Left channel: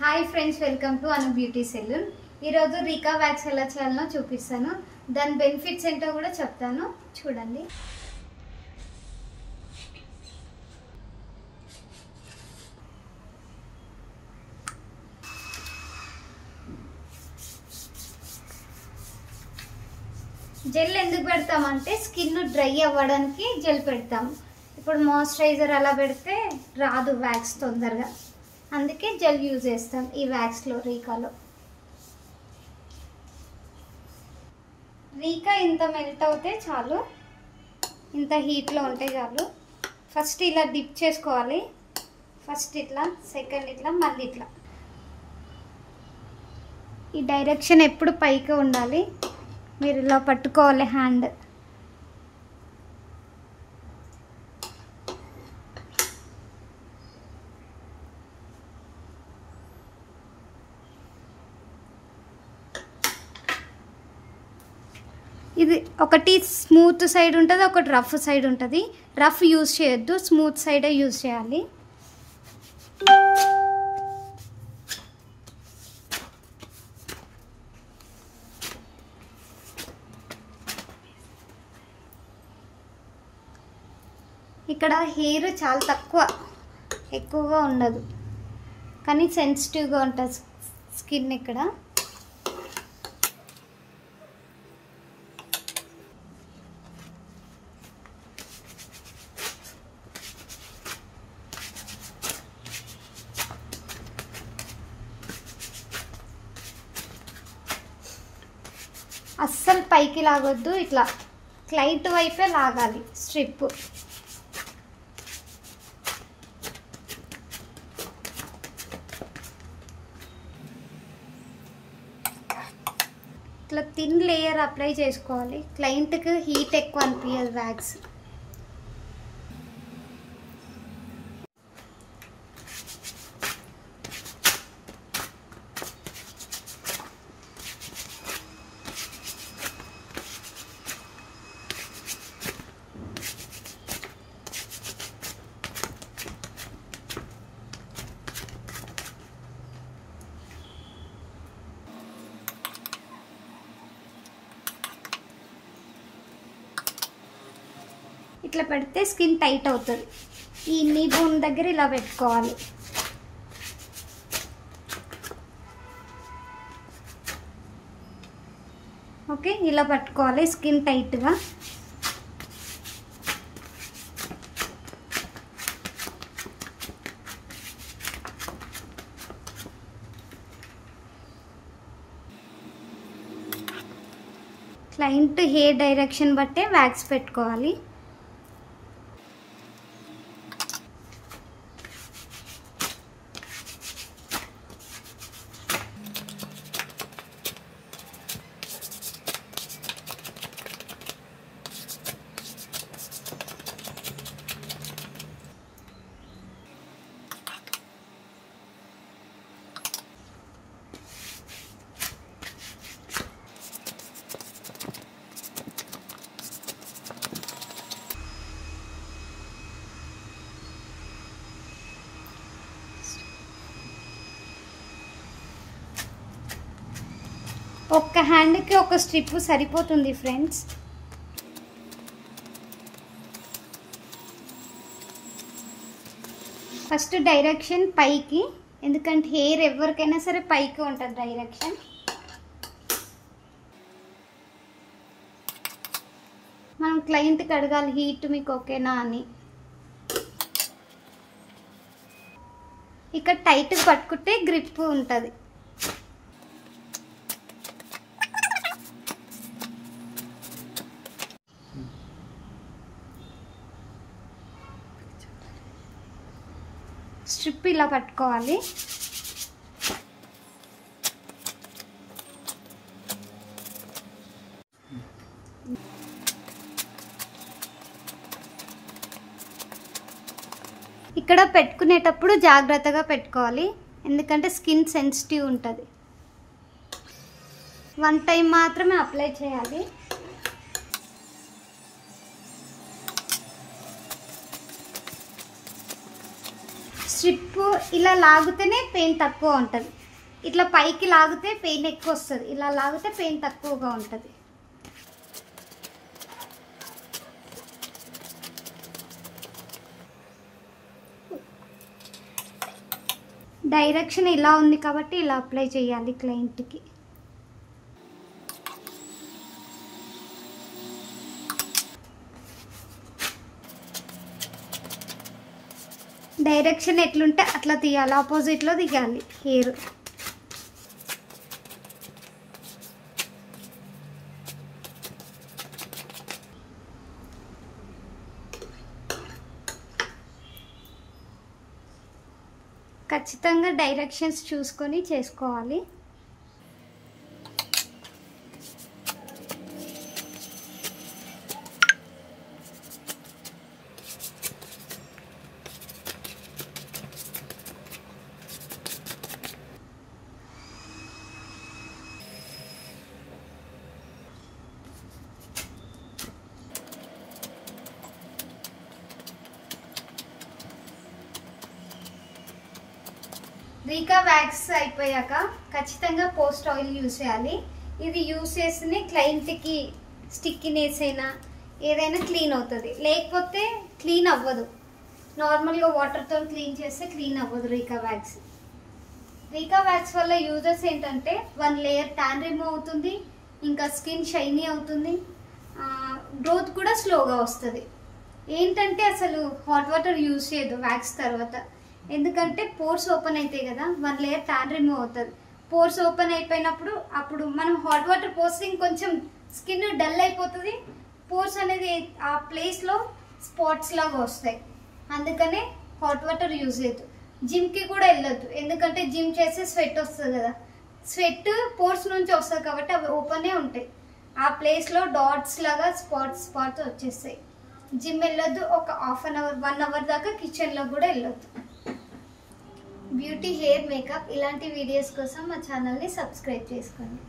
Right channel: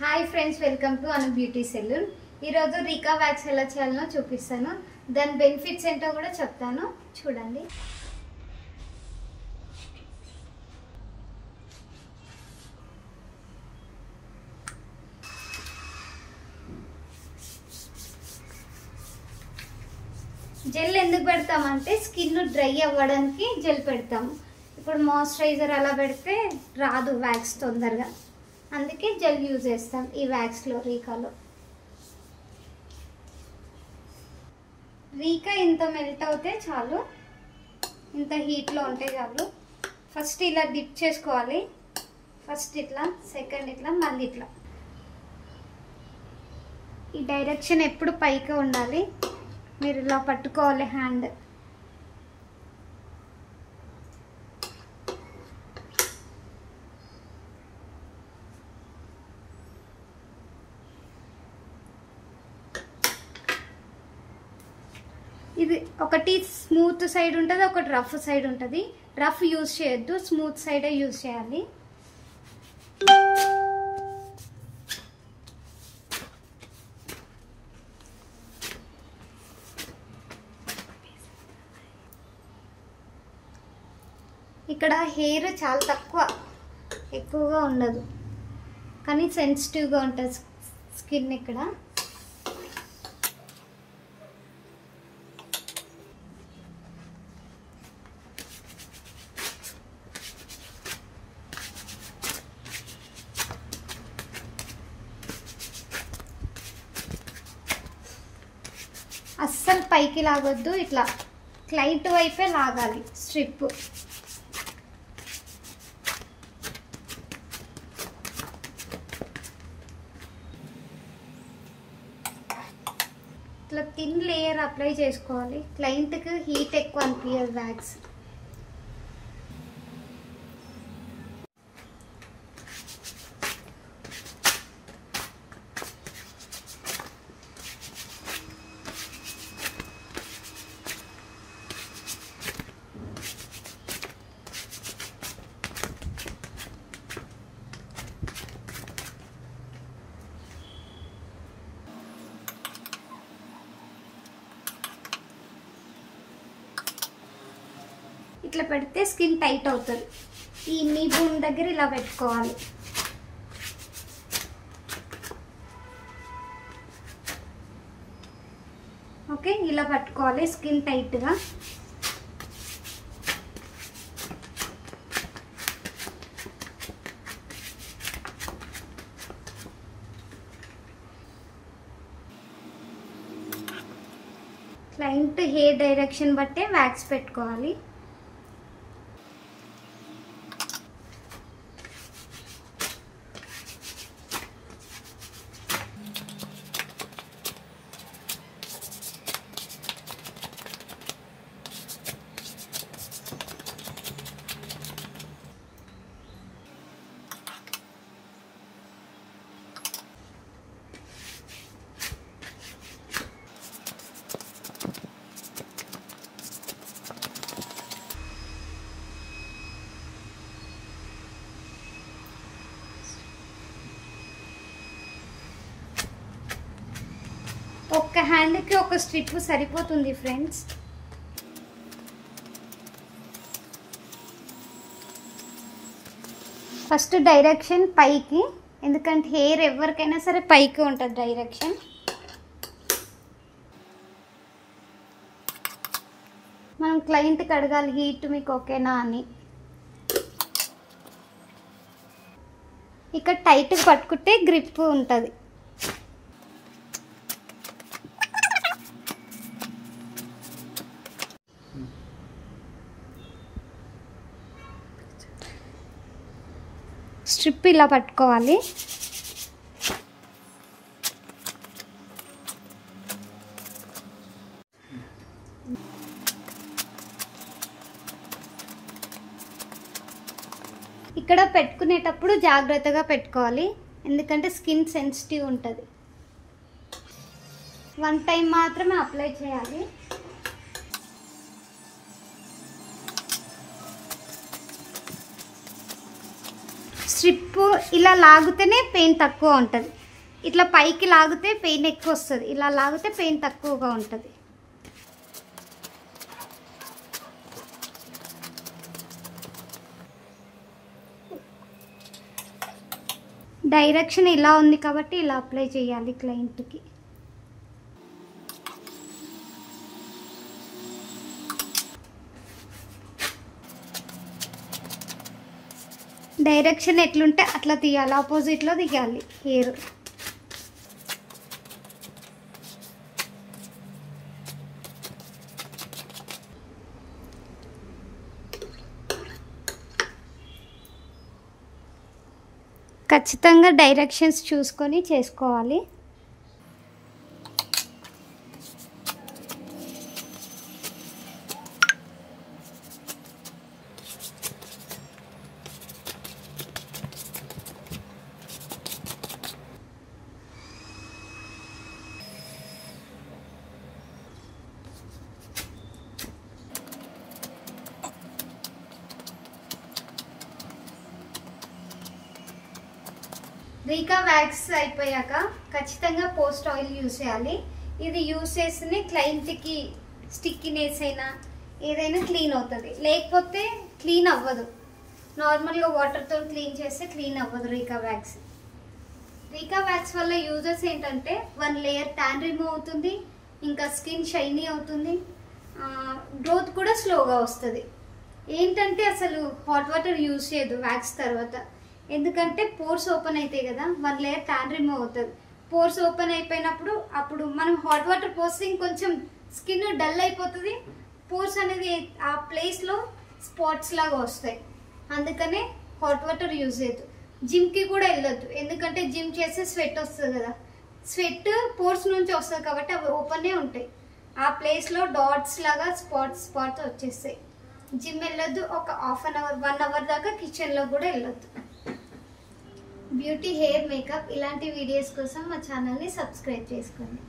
Hi friends, welcome to Anu beauty salon. ఈరోజు Rica wax ఎలా చేయాలనో చూపిస్తాను. దాని బెనిఫిట్స్ ఏంటో కూడా చెప్తాను, చూడండి. జెల్ ఎందుకు పెడతామంటే స్కిన్ డ్రై అవ్వడానికి జెల్ పెడతాము. ఇప్పుడు మాయిశ్చరైజర్ అలా పెడితే రాదు వ్యాక్స్ తొందరగా, అందుకే జెల్ యూజ్ చేస్తాం ఈ వ్యాక్స్లో, రీకాలో. రీకా ఇంత మెల్ట్ అవుతే చాలు, ఇంత హీట్లో ఉంటే చాలు. ఫస్ట్ ఇలా డిప్ చేసుకోవాలి. ఫస్ట్ ఇట్లా, సెకండ్ ఇట్లా, మళ్ళీ ఇట్లా. ఈ డైరెక్షన్ ఎప్పుడు పైకి ఉండాలి, మీరు ఇలా పట్టుకోవాలి హ్యాండ్. ఇది ఒకటి స్మూత్ సైడ్ ఉంటుంది, ఒకటి రఫ్ సైడ్ ఉంటుంది. రఫ్ యూజ్ చేయొద్దు, స్మూత్ సైడే యూజ్ చేయాలి. ఇక్కడ హెయిర్ చాలా తక్కువ, ఎక్కువగా ఉండదు, కానీ సెన్సిటివ్గా ఉంటుంది స్కిన్ ఇక్కడ. అస్సలు పైకి లాగొద్దు, ఇట్లా క్లైంట్ వైపే లాగాలి స్ట్రిప్. ఇట్లా థిన్ లేయర్ అప్లై చేసుకోవాలి. క్లయింట్కి హీట్ ఎక్కువ అనిపించదు వ్యాక్స్. ఇట్లా పెడితే స్కిన్ టైట్ అవుతుంది. ఈ నీ బోన్ దగ్గర ఇలా పెట్టుకోవాలి. ఓకే, ఇలా పట్టుకోవాలి స్కిన్ టైట్గా. క్లయింట్ హెయిర్ డైరెక్షన్ బట్టే వ్యాక్స్ పెట్టుకోవాలి. ఒక్క హ్యాండ్కి ఒక స్ట్రిప్ సరిపోతుంది ఫ్రెండ్స్. ఫస్ట్ డైరెక్షన్ పైకి, ఎందుకంటే హెయిర్ ఎవరికైనా సరే పైకి ఉంటుంది డైరెక్షన్. మనం క్లయింట్కి అడగాలి హీట్ మీకు ఓకేనా అని. ఇక్కడ టైట్గా పట్టుకుంటే గ్రిప్ ఉంటుంది. స్ట్రిప్ ఇలా పట్టుకోవాలి. ఇక్కడ పెట్టుకునేటప్పుడు జాగ్రత్తగా పెట్టుకోవాలి, ఎందుకంటే స్కిన్ సెన్సిటివ్ ఉంటుంది. వన్ టైం మాత్రమే అప్లై చేయాలి. స్ట్రిప్ ఇలా లాగితేనే పెయిన్ తక్కువ ఉంటుంది. ఇట్లా పైకి లాగితే పెయిన్ ఎక్కువ వస్తుంది, ఇలా లాగితే పెయిన్ తక్కువగా ఉంటుంది. డైరెక్షన్ ఇలా ఉంది కాబట్టి ఇలా అప్లై చేయాలి క్లయింట్కి. డైరెక్షన్ ఎట్లుంటే అట్లా తీయాలి, ఆపోజిట్లో దిగాలి హెయిర్. ఖచ్చితంగా డైరెక్షన్స్ చూసుకొని చేసుకోవాలి. రీకా వ్యాక్స్ అయిపోయాక ఖచ్చితంగా పోస్ట్ ఆయిల్ యూజ్ చేయాలి. ఇది యూజ్ చేస్తేనే క్లయింట్కి స్టిక్కినెస్ అయినా ఏదైనా క్లీన్ అవుతుంది, లేకపోతే క్లీన్ అవ్వదు. నార్మల్గా వాటర్తో క్లీన్ చేస్తే క్లీన్ అవ్వదు రీకా వ్యాక్స్. రీకా వ్యాక్స్ వల్ల యూజెస్ ఏంటంటే 1 లేయర్ ట్యాన్ రిమూవ్ అవుతుంది, ఇంకా స్కిన్ షైనీ అవుతుంది, గ్రోత్ కూడా స్లోగా వస్తుంది. ఏంటంటే అసలు హాట్ వాటర్ యూజ్ చేయదు వ్యాక్స్ తర్వాత, ఎందుకంటే పోర్స్ ఓపెన్ అవుతాయి కదా, 1 లేయర్ ట్యాన్ రిమూవ్ అవుతుంది. పోర్స్ ఓపెన్ అయిపోయినప్పుడు అప్పుడు మనం హాట్ వాటర్ పోస్తే ఇంకొంచెం స్కిన్ డల్ అయిపోతుంది, పోర్స్ అనేది ఆ ప్లేస్లో స్పాట్స్ లాగా వస్తాయి. అందుకనే హాట్ వాటర్ యూజ్ చేయొద్దు. జిమ్కి కూడా వెళ్ళొద్దు, ఎందుకంటే జిమ్ చేస్తే స్వెట్ వస్తుంది కదా, స్వెట్ పోర్స్ నుంచి వస్తుంది కాబట్టి అవి ఓపెనే ఉంటాయి. ఆ ప్లేస్లో డాట్స్ లాగా స్పాట్స్ వచ్చేస్తాయి. జిమ్ వెళ్ళొద్దు, ఒక హాఫ్ అన్ అవర్ 1 అవర్ దాకా కిచెన్లో కూడా వెళ్ళొద్దు. బ్యూటీ, హెయిర్, మేకప్ ఇలాంటి వీడియోస్ కోసం మా ఛానల్ని సబ్స్క్రైబ్ చేసుకోండి.